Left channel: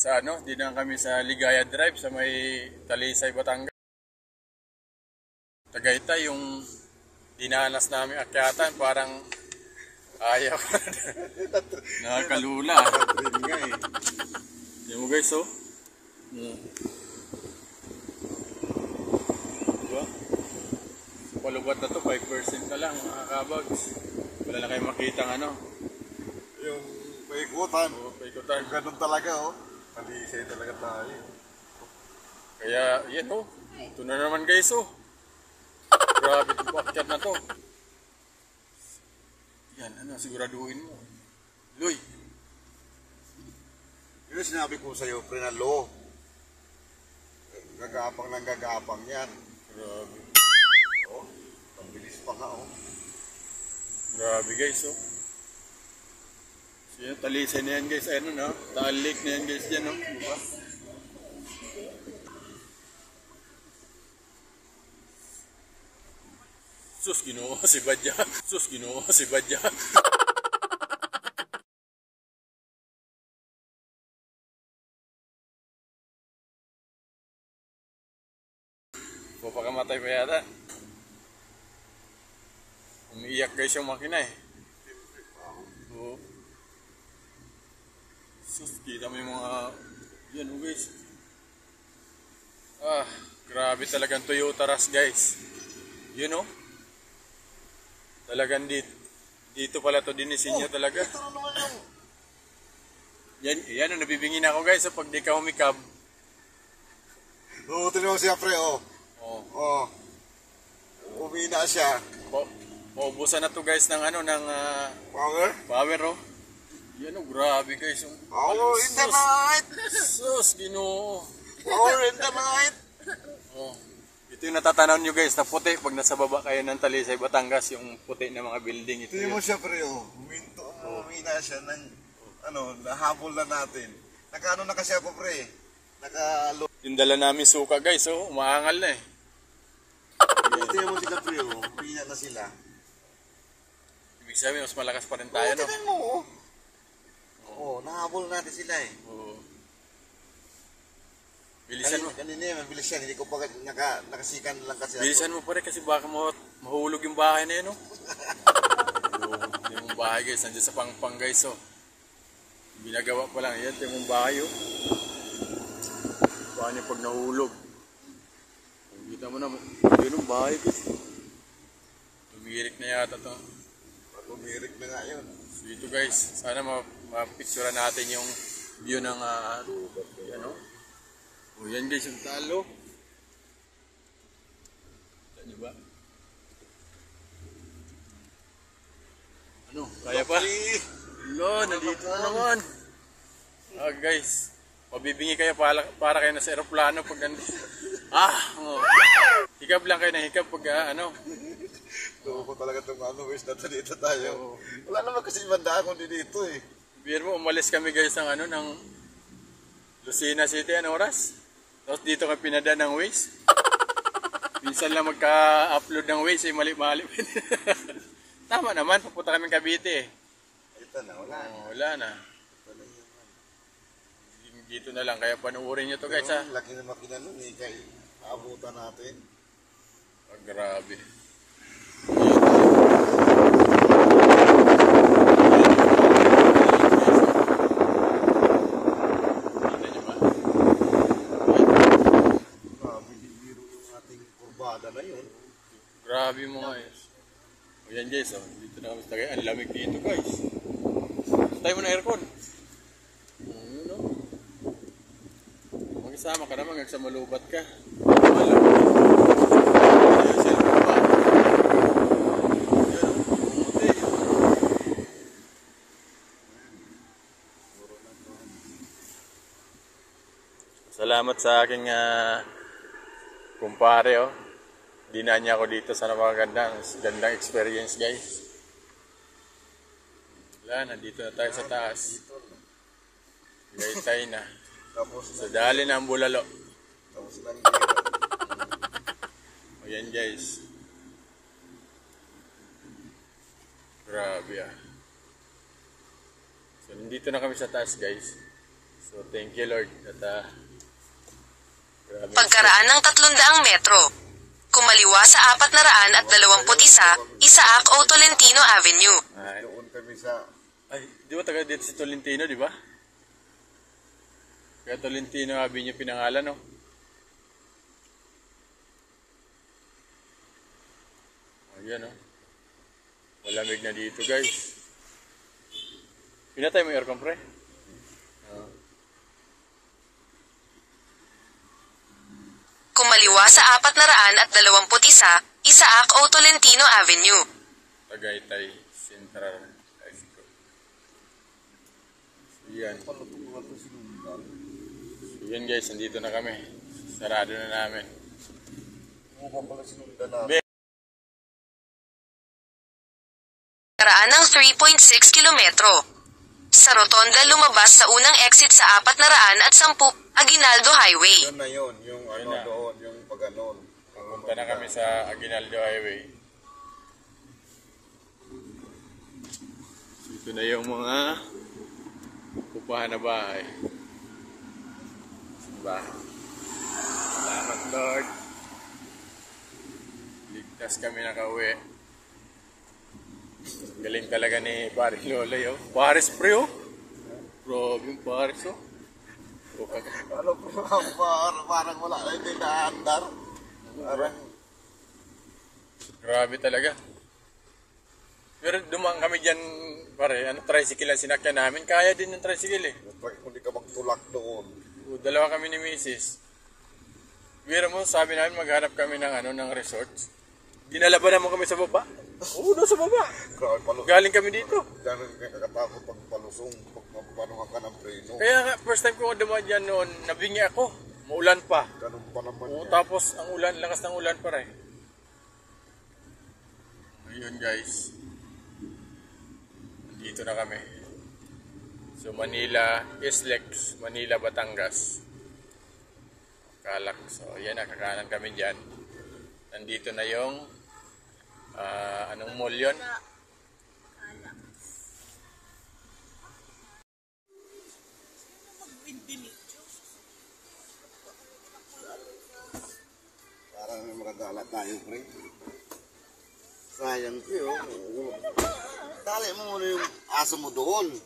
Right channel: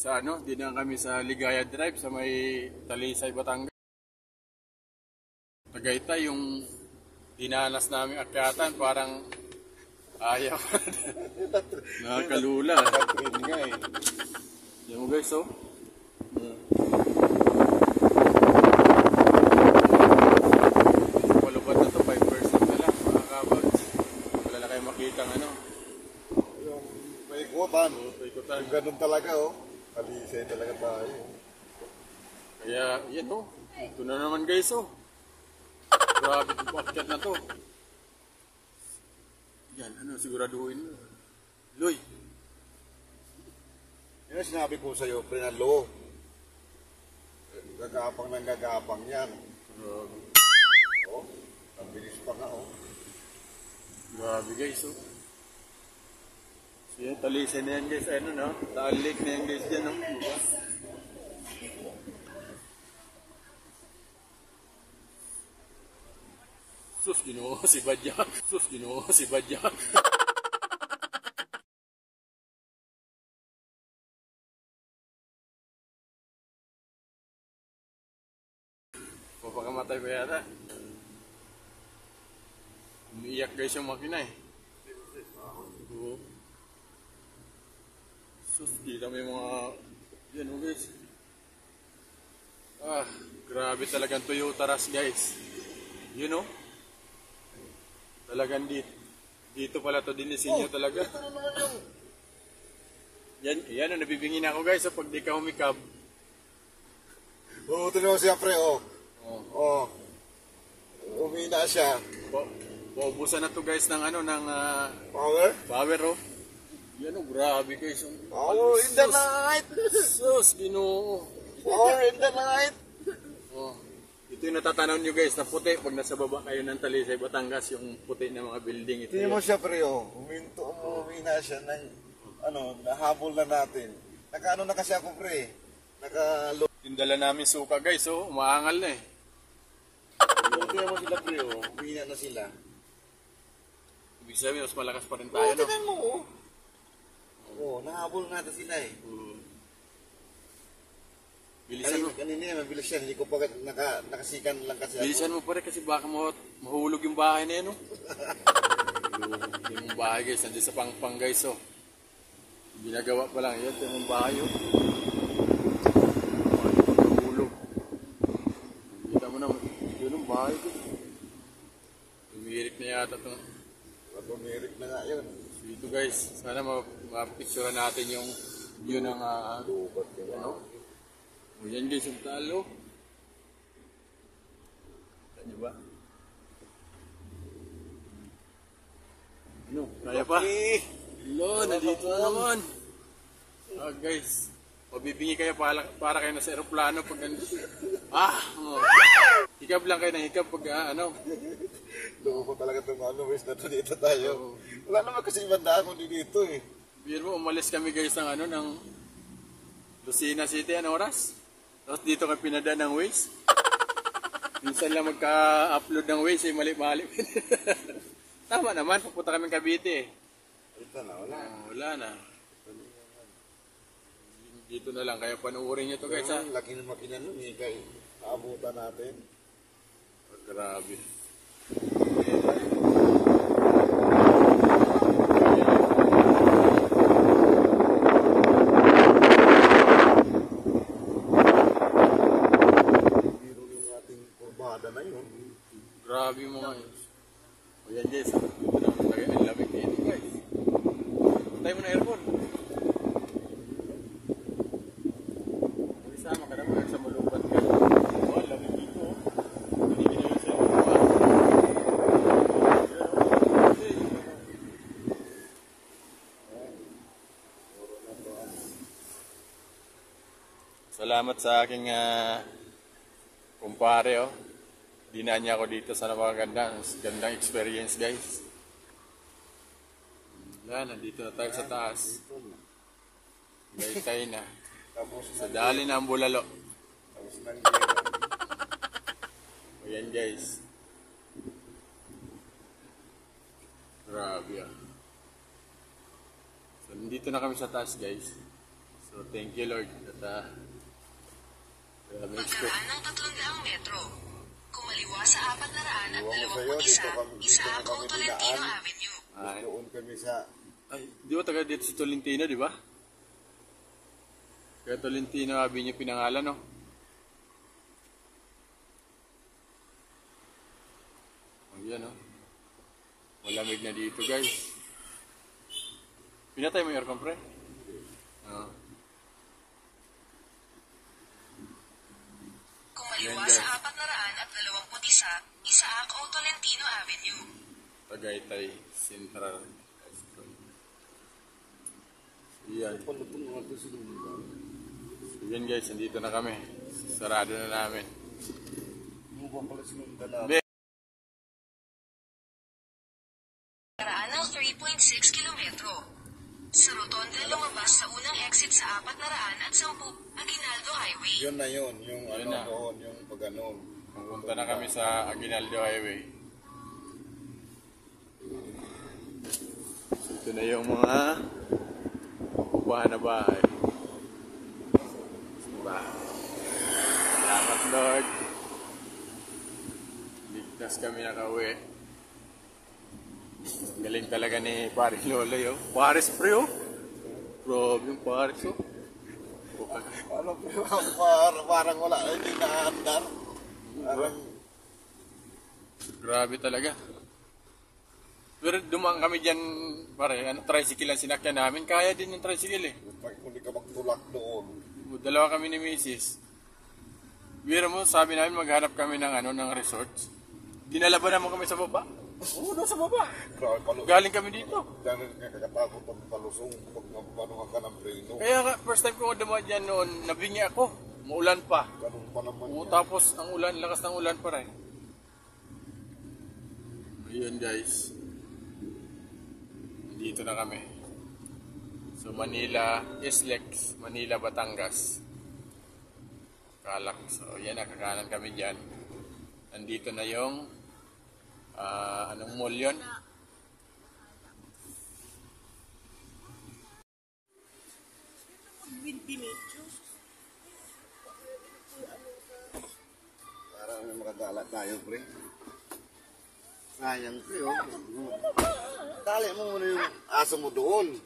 sa ano, dinaan kami sa Ligaya Drive sa may Talisay, Batangas. Tagaytay yung dinanas namin akyatan, parang ayaw. Nakakalula. Yun nga eh. Yan mo guys, oh. Palubat na to, 5% na lang mga kabags. Wala na kayo makitang ano. Yung paikutan. Oh, paikutan. Yung ganun talaga, oh. Talisay talaga tayo. Kaya, yan oh. Ito na naman guys, oh. Grabe itong paakyat na to. Yan, ano, siguraduhin mo. Loy. Yun ang sinabi ko sa'yo, Prenalo. Gagapang ng gagapang yan. Grabe. Oh, ang bilis pa nga, oh. Grabe guys, oh. So yan, Talisay na yan guys. Ayun no, Taal Lake na yan guys dyan, no. Diba? Sus, Ginoo si Badya. Sus, Ginoo si Badya. Papakamatay pa yata. Umiiyak guys yung makina eh. Oo. Sus, kita mo yung mga... Yan o guys. Ah, grabe talagang Toyota Rush guys. You know? Talagang dito pala to dinisenyo talaga. Ito na naman yung... Yan o, nabibingin ako guys so pag di ka humikab. Oo, tinan mo siya, pre, oh. Oh. Oh. Umina siya. Paubusan na to guys ng ano, ng Power? power oh. Yan o, grabe guys. Power in the night! Sus, Ginoo. Power in the night! Oh. Ito yung natatanaw nyo guys na puti pag nasa baba kayo ng Talisay, Batangas, yung puti ng mga building. Ito Tingnan mo yun. siya, pre, oh. Umina siya ng, ano, nahabol na natin. Nakaano na kasi ako, pre. Yung dala namin suka guys, oh, umaangal na eh. Tingnan mo sila, pre, oh. Umina na sila. Ibig sabihin, mas malakas pa rin tayo, no? Tingnan mo, oh. Oh, nahabol natin sila eh. Oo. Bilisan mo. Kanina mabilis yan, hindi ko pa nakasikan lang kasi Bilisan mo pa rin kasi baka mahulog yung bahay na yun, oh. Mahulog yung bahay guys, nandiyan sa pangpang guys, oh. Ginagawa pa lang, yan, yung bahay, oh. Bahay pag nahulog. Kita mo na, yun yung bahay guys. Tumirik na yata ito. Tumirik na nga yun. So ito guys, sana mapicturean natin yung view ng yan, oh. O yan guys, yung talo. Kita nyo ba? Ano, kaya pa? Lo, nandito na naman. Ah guys, mabibingi kayo para kayo nasa aeroplano pag nandito. Oh. Hikab lang kayo na hikab pag ano. Doon ko talaga itong wish na dito tayo. Wala naman kasi ibandaan kundi dito eh. Biro mo, umalis kami guys ng ano, ng Lucena City, ano oras? Tapos dito kami pinadaan ng Waze. Minsan lang magka-upload ng Waze, eh, mali-mali. Tama naman, papunta kami Cavite eh. Ito na, wala. Wala na. Dito na lang, kaya panuorin nyo to guys ha. Laki na makina nun eh, kaya aabutan natin. Grabe. Biro yung ating kurbada na yun. Grabe mo nga guys. O yan guys, dito na kami tagay. Ang lamig dito guys. Tayo mo na aircon. Ano? Mag-isama ka naman, sa malubat ka. Salamat sa aking kumpare, oh. Dinaan niya ako dito sa gandang experience, guys. Wala, nandito na tayo sa taas. Tagaytay na. Sa dali na ang bulalo. Tapos lang O yan, guys. Grabe ah. So, nandito na kami sa taas, guys. So thank you Lord. At grabe. Pagkaraan ng 300 metro. Kumaliwa sa 421 Isaac O. Tolentino Avenue. Ay, Doon kami sa... ay, di ba taga dito si Tolentino, di ba? Kaya Tolentino Avenue pinangalan, no? Ayan, no? Malamig na dito, guys. Pinatay mo yung aircon, pre? Oo. Kumaliwa sa 421 Isaac O. Tolentino Avenue. Tagaytay Central High School. So, yan. Pala itong mga to sinundan. So, yan, guys. Nandito na kami. Sarado na namin. Mo pa pala sinundan natin. Pagkaraan ng 3.6 kilometro. Sa rotonda lumabas sa unang exit sa 410 Aguinaldo Highway. Yun na yun. Yung Yun ano na. doon. Yung pag-anon. Punta na kami sa Aguinaldo Highway. So, ito na yung mga upahan na bahay. Diba? Salamat Lord. Ligtas kami nakauwi. Galing talaga ni Paris Lolo yo. Paris pre oh. Grabe yung Paris oh. Ano po, parang wala na hindi naandar. Parang Grabe talaga. Pero dumaan kami dyan, pare, tricycle ang sinakyan namin. Kaya din yung tricycle eh. kung di ka magtulak doon. Dalawa kami ni Mrs. Biro mo, sabi namin maghanap kami ng ng resort. Dinala ba naman kami sa baba? Oo, doon sa baba. Grabe palusong. Galing kami dito. Galing kakatakot pag palusong. Pag mapanuhan ka ng preno. Kaya nga, first time ko dumaan dyan noon, nabingi ako. Maulan pa. Ganun pa naman Oo, yan. tapos ang ulan, lakas ng ulan pa rin. Ayun guys. Dito na kami. So Manila, Islex, Manila, Batangas. Kalak. So yan, nakakanan kami dyan. Nandito na yung anong mall yun? Parang may makagala tayo, pre. Sayang, pre, oh. Dali mo muna yung aso mo doon.